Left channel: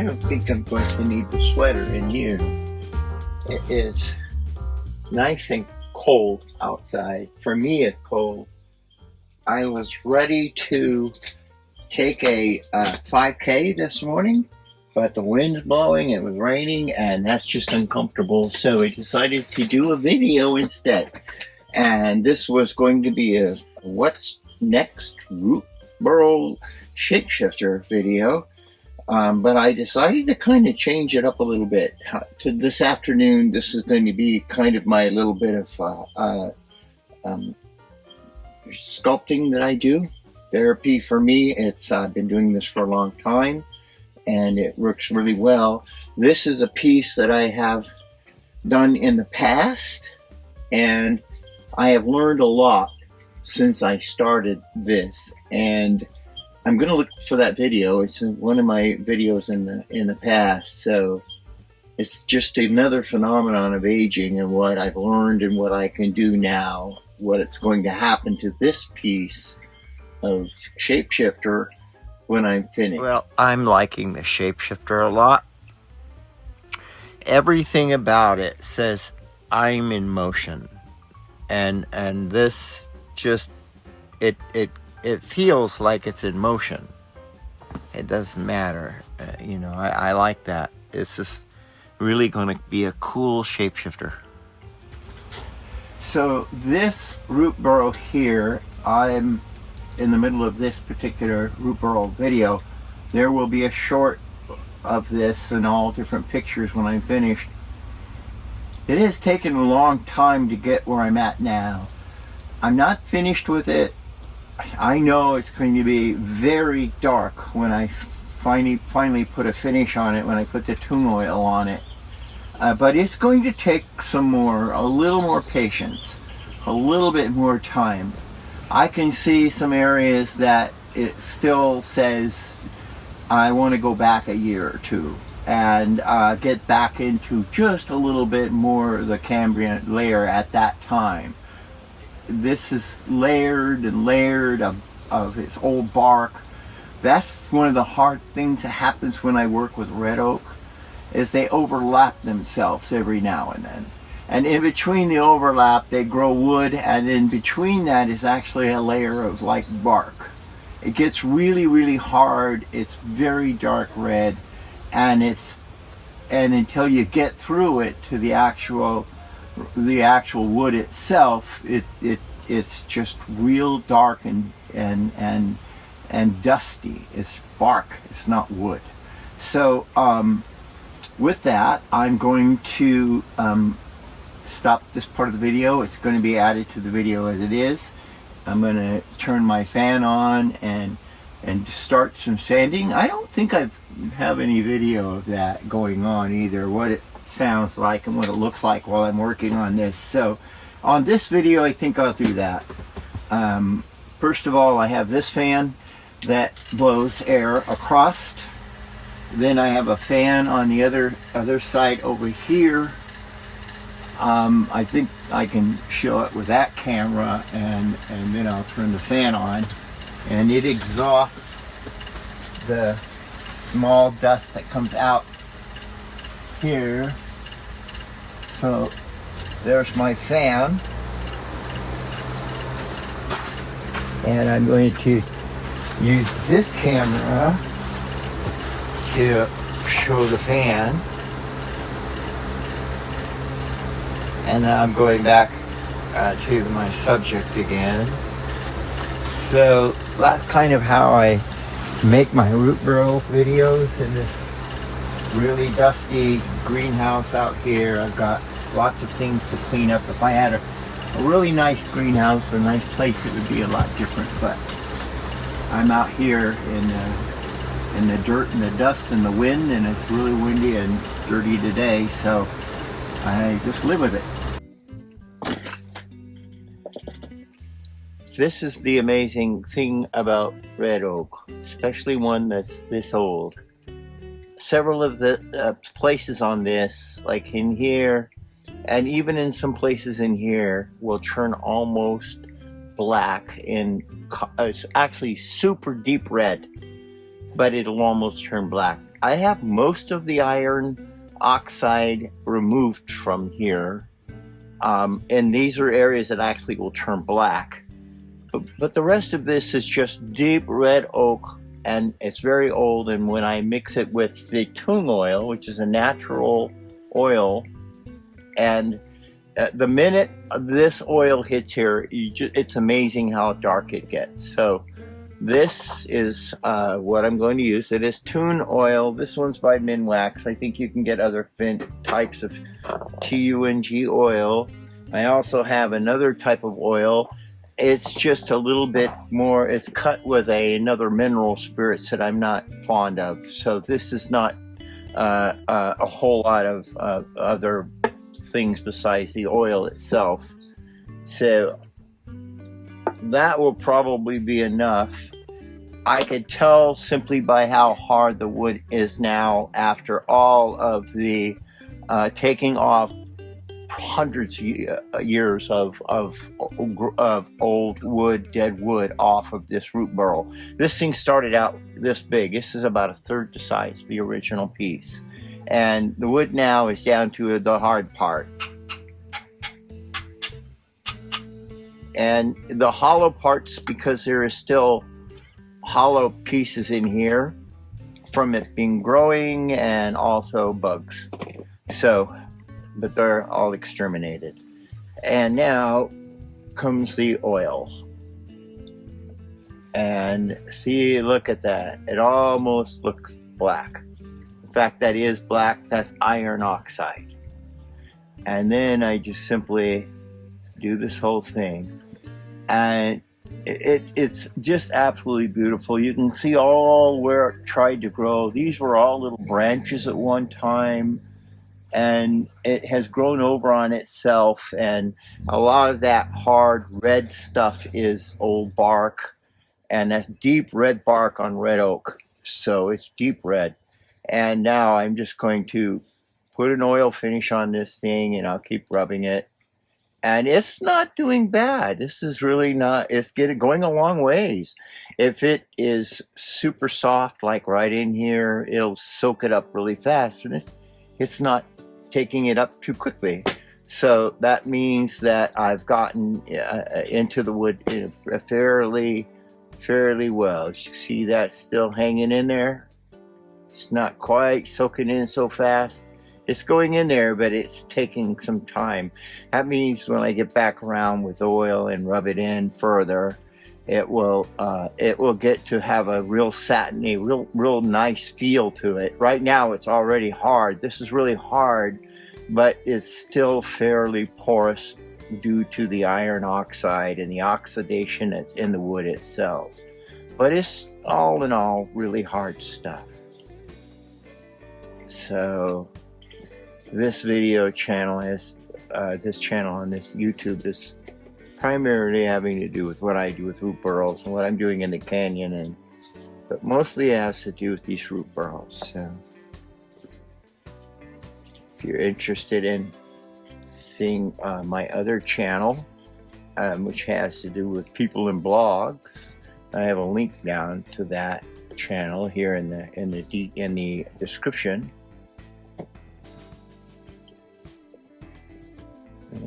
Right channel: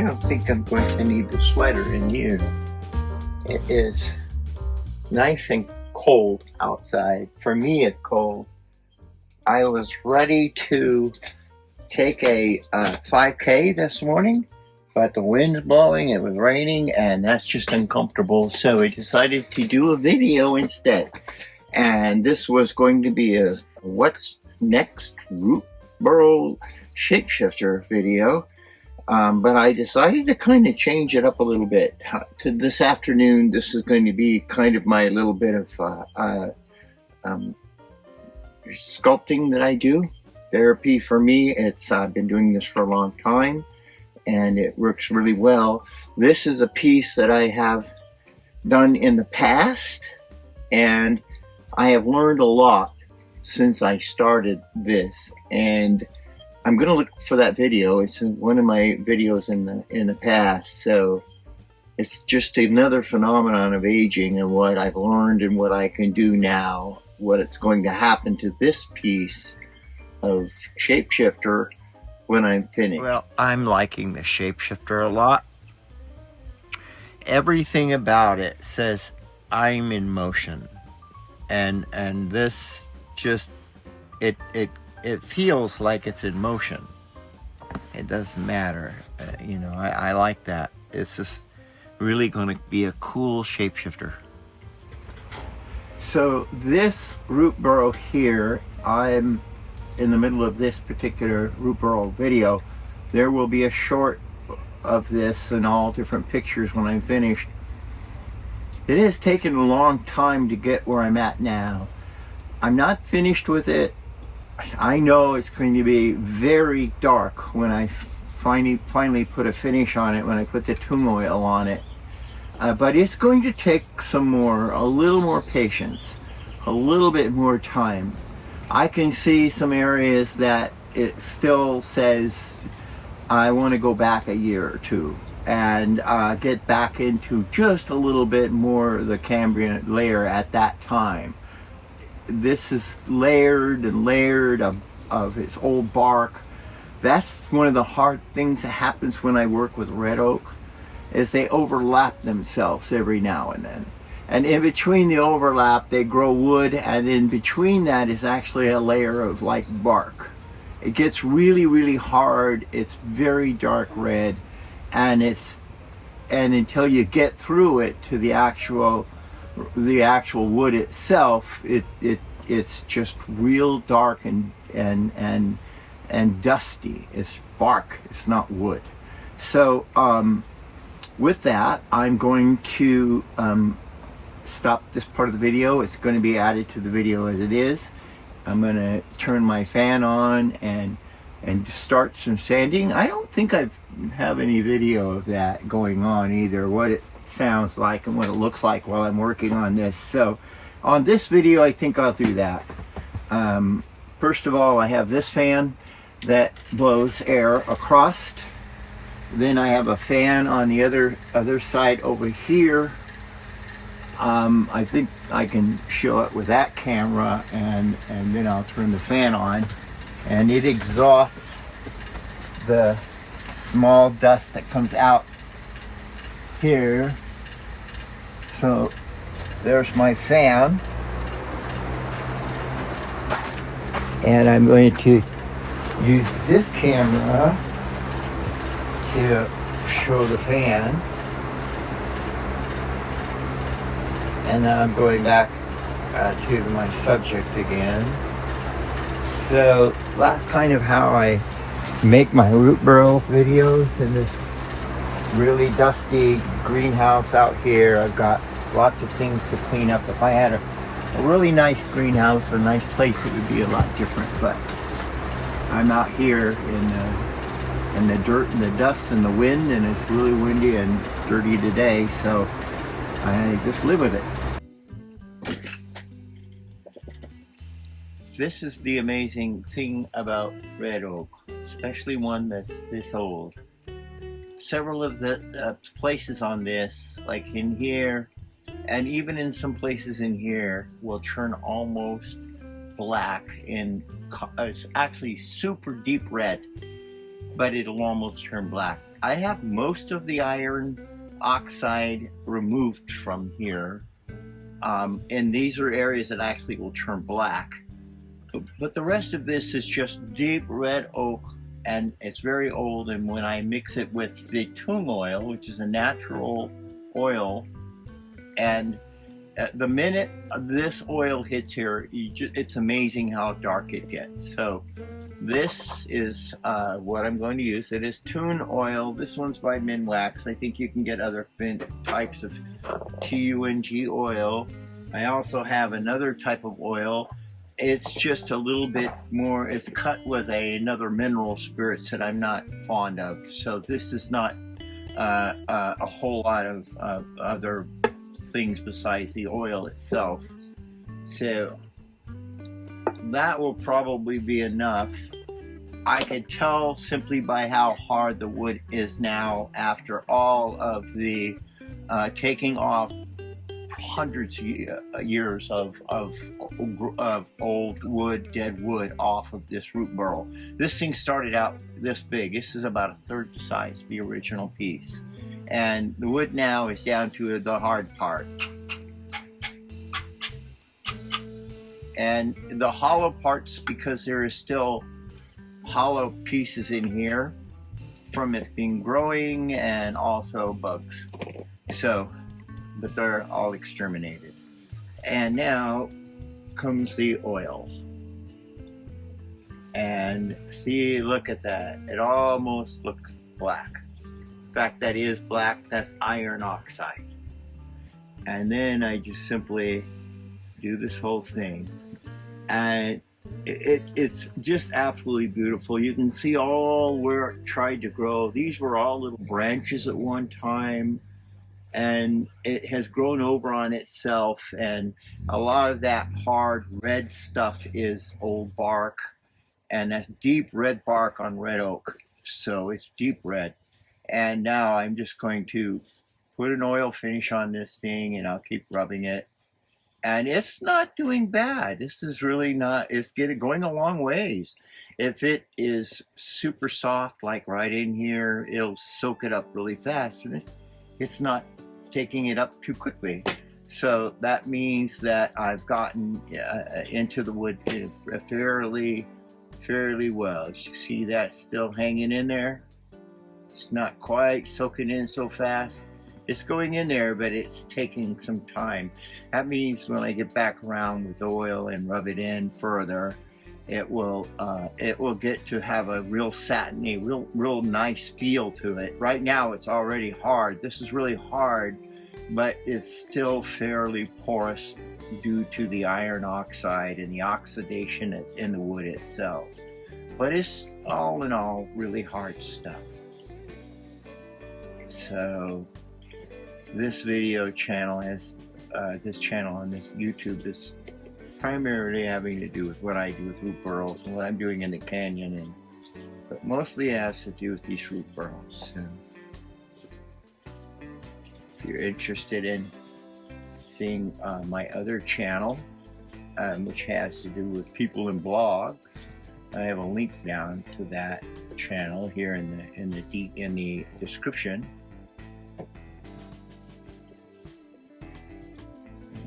I don't think I'm going to need the sweater in you. It is nice and cold outside. For me, it's cold. I was ready to take a 5K this morning, but the wind's blowing, it was raining, and that's just uncomfortable. So I decided to do a video instead. And this was going to be a what's next Burl Shapeshifter video. But I decided to kind of change it up a little bit. To this afternoon, this is going to be kind of my little bit of sculpting that I do. Therapy for me. I've been doing this for a long time, and it works really well. This is a piece that I have done in the past, and I have learned a lot since I started this, and I'm going to look for that video. It's one of my videos in the past. So it's just another phenomenon of aging and what I've learned and what I can do now, what it's going to happen to this piece of Shapeshifter when I'm finished. Well, I'm liking the Shapeshifter a lot. Everything about it says I'm in motion. And this just, it feels like it's in motion. It doesn't matter. I like that. It's just really going to be a cool shapeshifter. So this root burrow here, I'm in the middle of this particular root burrow video. There will be a short of this and all different pictures when I'm finished. It has taken a long time to get where I'm at now. I'm not finished with it. I know it's going to be very dark when I finally put a finish on it, when I put the tune oil on it. But it's going to take a little more patience, a little bit more time. I can see some areas that it still says I want to go back a year or two and get back into just a little bit more of the Cambrian layer at that time. This is layered and layered of its old bark. That's one of the hard things that happens when I work with red oak, is they overlap themselves every now and then. And in between the overlap, they grow wood, and in between that is actually a layer of like bark. It gets really, really hard. It's very dark red, and until you get through it to the actual wood itself, it's just real dark and dusty. It's bark, it's not wood. So with that, I'm going to stop this part of the video. It's going to be added to the video as it is. I'm going to turn my fan on and start some sanding. I don't think I have any video of that going on either, what it sounds like and what it looks like while I'm working on this. So on this video, I think I'll do that. First of all, I have this fan that blows air across. Then I have a fan on the other side over here. I think I can show it with that camera, and then I'll turn the fan on, and it exhausts the small dust that comes out here. So there's my fan, and I'm going to use this camera to show the fan, and then I'm going back to my subject again. So that's kind of how I make my root burrow videos in this really dusty greenhouse out here. I've got lots of things to clean up. If I had a really nice greenhouse or a nice place, it would be a lot different, but I'm out here in the dirt and the dust and the wind, and it's really windy and dirty today, so I just live with it. This is the amazing thing about red oak, especially one that's this old. Several of the places on this, like in here, and even in some places in here, will turn almost black, and it's actually super deep red. but it'll almost turn black. I have most of the iron oxide removed from here, and these are areas that actually will turn black. But the rest of this is just deep red oak, and it's very old. And when I mix it with the tung oil, which is a natural oil, and the minute this oil hits here, it's amazing how dark it gets. So this is what I'm going to use. It is tun oil. This one's by Minwax. I think you can get other types of tung oil. I also have another type of oil. It's just a little bit more, it's cut with another mineral spirits that I'm not fond of. So this is not a whole lot of other things besides the oil itself. So that will probably be enough. I can tell simply by how hard the wood is now after all of the taking off hundreds of years of old wood, dead wood off of this root burl. This thing started out this big. This is about a third the size of the original piece. And the wood now is down to the hard part. And the hollow parts, because there is still hollow pieces in here from it being growing and also bugs. So, but they're all exterminated. And now comes the oil. And see, look at that. It almost looks black. In fact, that is black. That's iron oxide. And then I just simply do this whole thing. And it's just absolutely beautiful. You can see all where it tried to grow. These were all little branches at one time, and it has grown over on itself, and a lot of that hard red stuff is old bark, and that's deep red bark on red oak, so it's deep red. And now I'm just going to put an oil finish on this thing, and I'll keep rubbing it. And it's not doing bad. This is really not, it's going a long ways. If it is super soft, like right in here, it'll soak it up really fast, and it's not taking it up too quickly. So that means that I've gotten into the wood fairly well. You see that still hanging in there? It's not quite soaking in so fast. It's going in there, but it's taking some time. That means when I get back around with oil and rub it in further, it will get to have a real satiny, real nice feel to it. Right now it's already hard. This is really hard, but it's still fairly porous due to the iron oxide and the oxidation that's in the wood itself. But it's all in all really hard stuff. So this video channel is this channel on this YouTube is primarily having to do with what I do with root burls and what I'm doing in the canyon, but mostly it has to do with these root burls. So if you're interested in seeing my other channel, which has to do with people and blogs, I have a link down to that channel here in the description.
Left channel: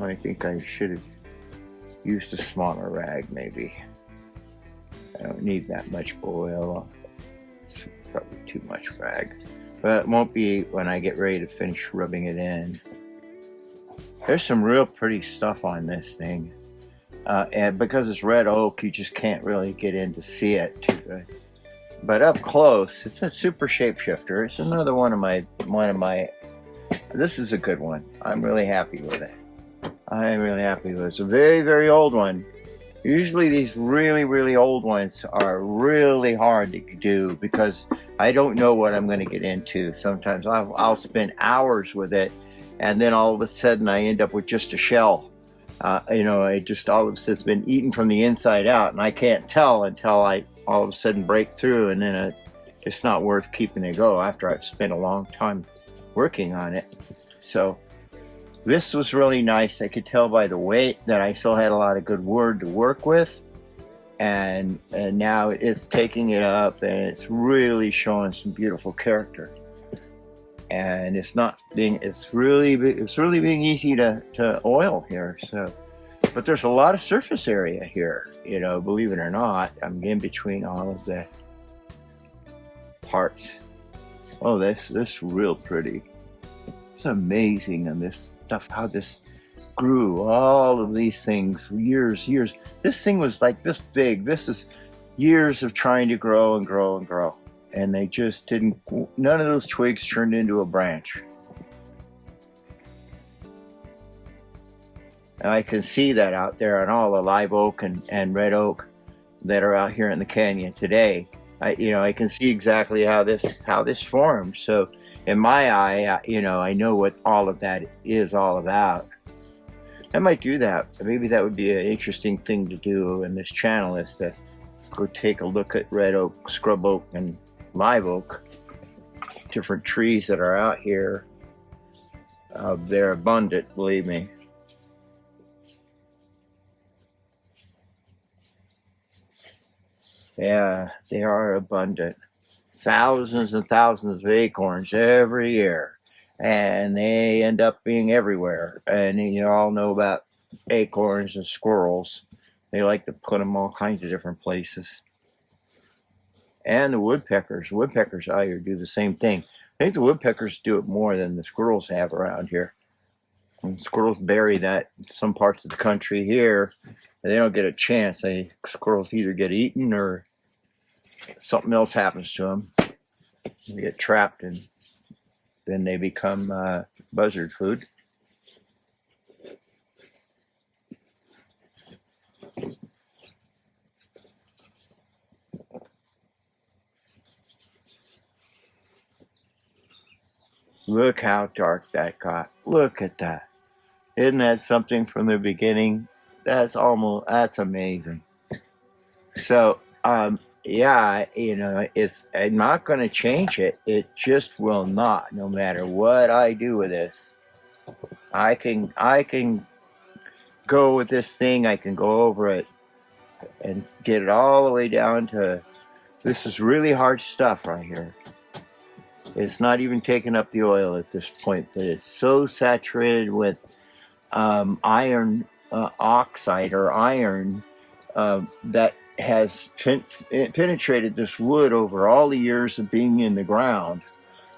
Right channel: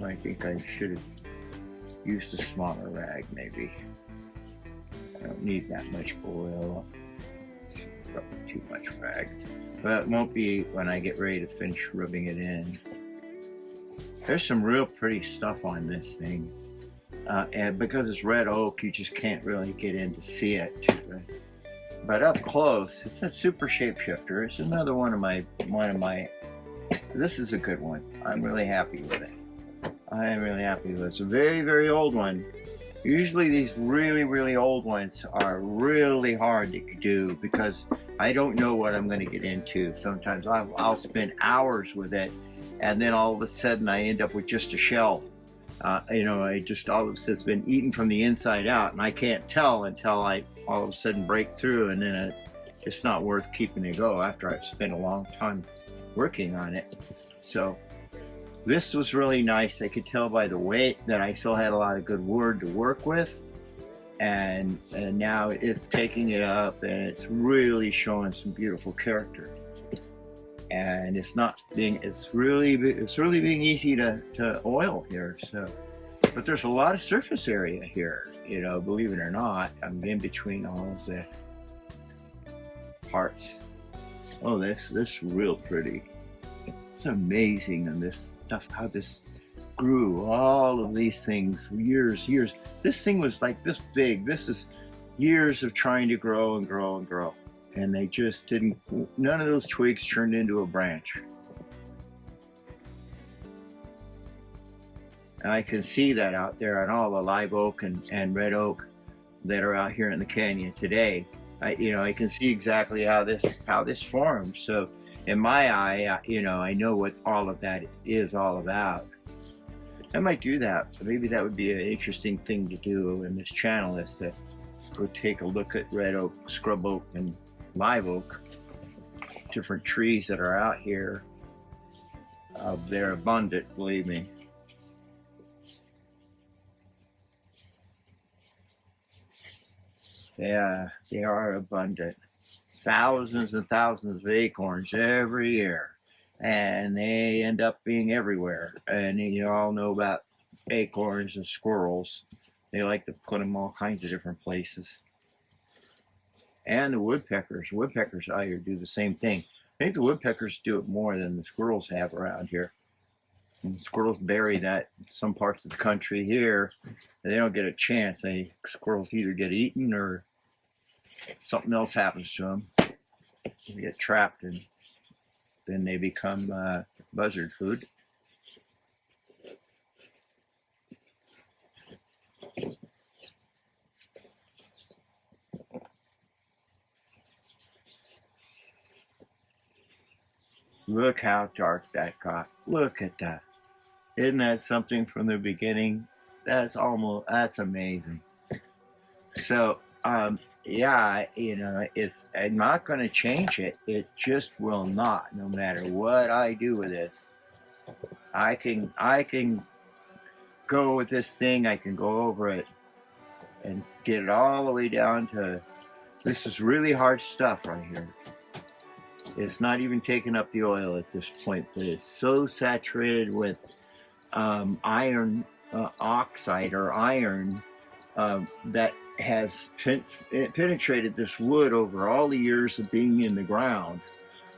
I think I should have used a smaller rag, maybe. I don't need that much oil. It's probably too much rag. But it won't be when I get ready to finish rubbing it in. There's some real pretty stuff on this thing. And because it's red oak, you just can't really get in to see it too good. But up close, it's a super shapeshifter. It's another one of my, this is a good one. I'm really happy with it. I'm really happy with it. It's a very, very old one. Usually these really old ones are really hard to do because I don't know what I'm going to get into. Sometimes I'll spend hours with it, and then all of a sudden I end up with just a shell. You know, all of a sudden it's been eaten from the inside out, and I can't tell until I all of a sudden break through, and then it's not worth keeping it go after I've spent a long time working on it. So this was really nice. I could tell by the weight that I still had a lot of good wood to work with. and now it's taking it up, and it's really showing some beautiful character. And it's really being easy to oil here. So, but there's a lot of surface area here, you know, believe it or not. I'm in between all of the parts. Oh, this real pretty. It's amazing, and this stuff, how this grew, all of these things, years. This thing was like this big. This is years of trying to grow and grow and grow. And they just didn't, none of those twigs turned into a branch. And I can see that out there on all the live oak and red oak that are out here in the canyon today. I can see exactly how this formed. So in my eye, I know what all of that is all about. I might do that. Maybe that would be an interesting thing to do in this channel, is to go take a look at red oak, scrub oak, and live oak, different trees that are out here. They're abundant, believe me. Yeah, they are abundant. Thousands and thousands of acorns every year, and they end up being everywhere. And you all know about acorns and squirrels. They like to put them all kinds of different places. And the woodpeckers out here do the same thing. I think the woodpeckers do it more than the squirrels have around here. And squirrels bury that in some parts of the country here. They don't get a chance. Squirrels either get eaten or something else happens to them. They get trapped, and then they become buzzard food. Look how dark that got. Look at that. Isn't that something from the beginning? That's amazing. So, yeah, I'm not going to change it. It just will not, no matter what I do with this. I can go with this thing. I can go over it and get it all the way down to, this is really hard stuff right here. It's not even taking up the oil at this point, but it's so saturated with iron oxide, or iron, that has penetrated this wood over all the years of being in the ground.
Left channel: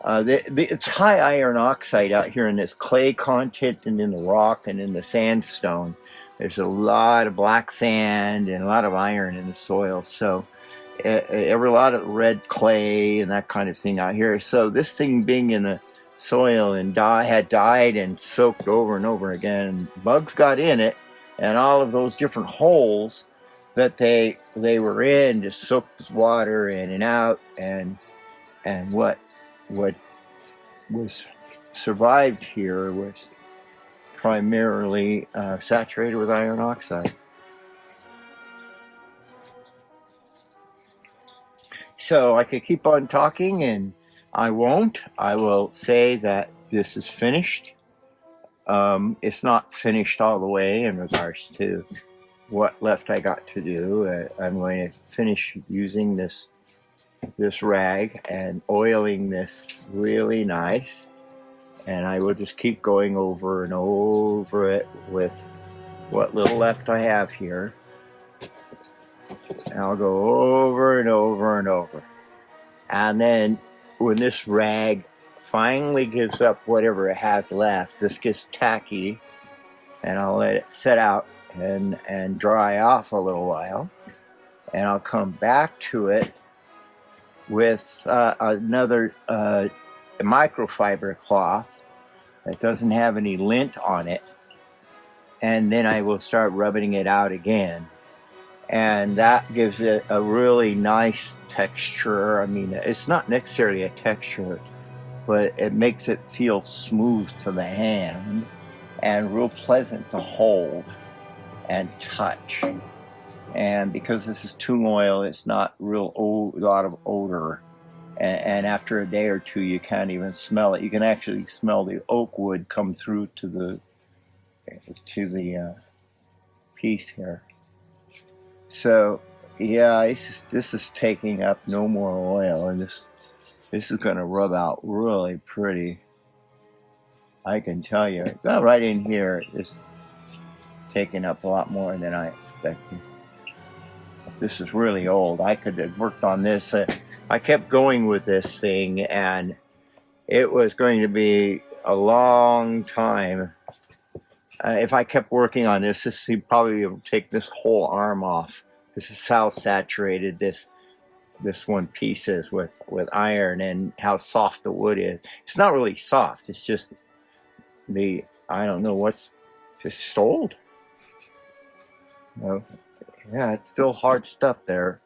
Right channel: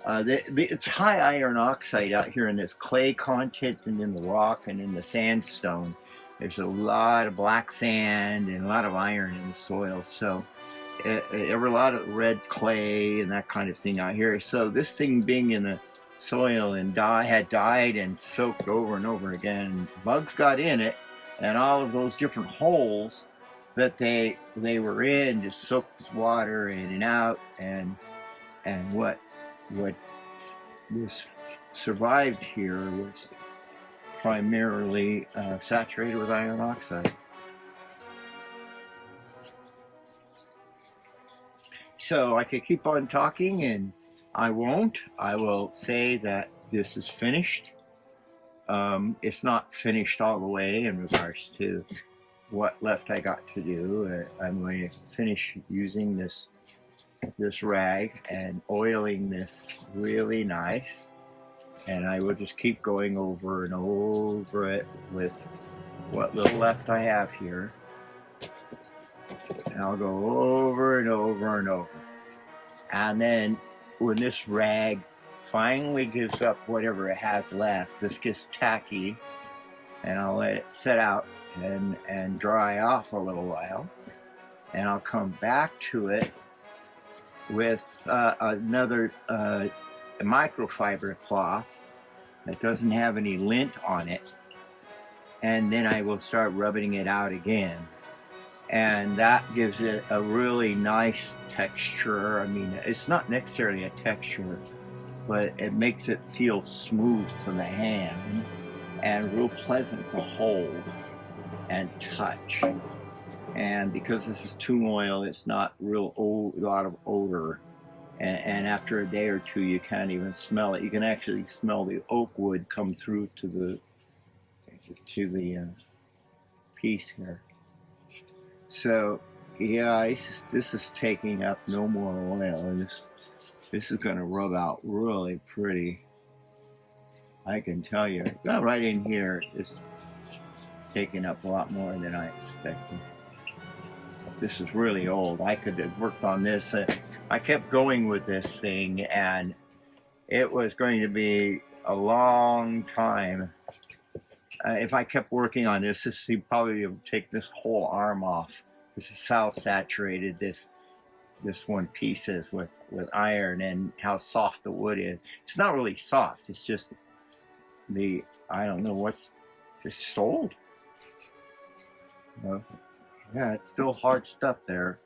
It's high iron oxide out here in this clay content and in the rock and in the sandstone. There's a lot of black sand and a lot of iron in the soil. So a lot of red clay and that kind of thing out here. So this thing being in the soil and had died and soaked over and over again, bugs got in it, and all of those different holes that they were in just soaked water in and out, and what was survived here was primarily saturated with iron oxide. So I could keep on talking, and I won't. I will say that this is finished. It's not finished all the way in regards to what left I got to do. I'm going to finish using this rag and oiling this really nice, and I will just keep going over and over it with what little left I have here. And I'll go over and over and over. And then when this rag finally gives up whatever it has left, this gets tacky, and I'll let it set out and dry off a little while. And I'll come back to it with another microfiber cloth that doesn't have any lint on it. And then I will start rubbing it out again. And that gives it a really nice texture. I mean, it's not necessarily a texture, but it makes it feel smooth to the hand and real pleasant to hold and touch. And because this is tung oil, it's not a lot of odor. And after a day or two, you can't even smell it. You can actually smell the oak wood come through to the piece here. So Yeah, this is taking up no more oil, and this is going to rub out really pretty. I can tell you. Well, right in here is taking up a lot more than I expected. This is really old. I could have worked on this. I kept going with this thing, and it was going to be a long time. If I kept working on this, he'd probably take this whole arm off. This is how saturated this one piece is with iron, and how soft the wood is. It's not really soft. It's just I don't know it's just old. You know, yeah, it's still hard stuff there.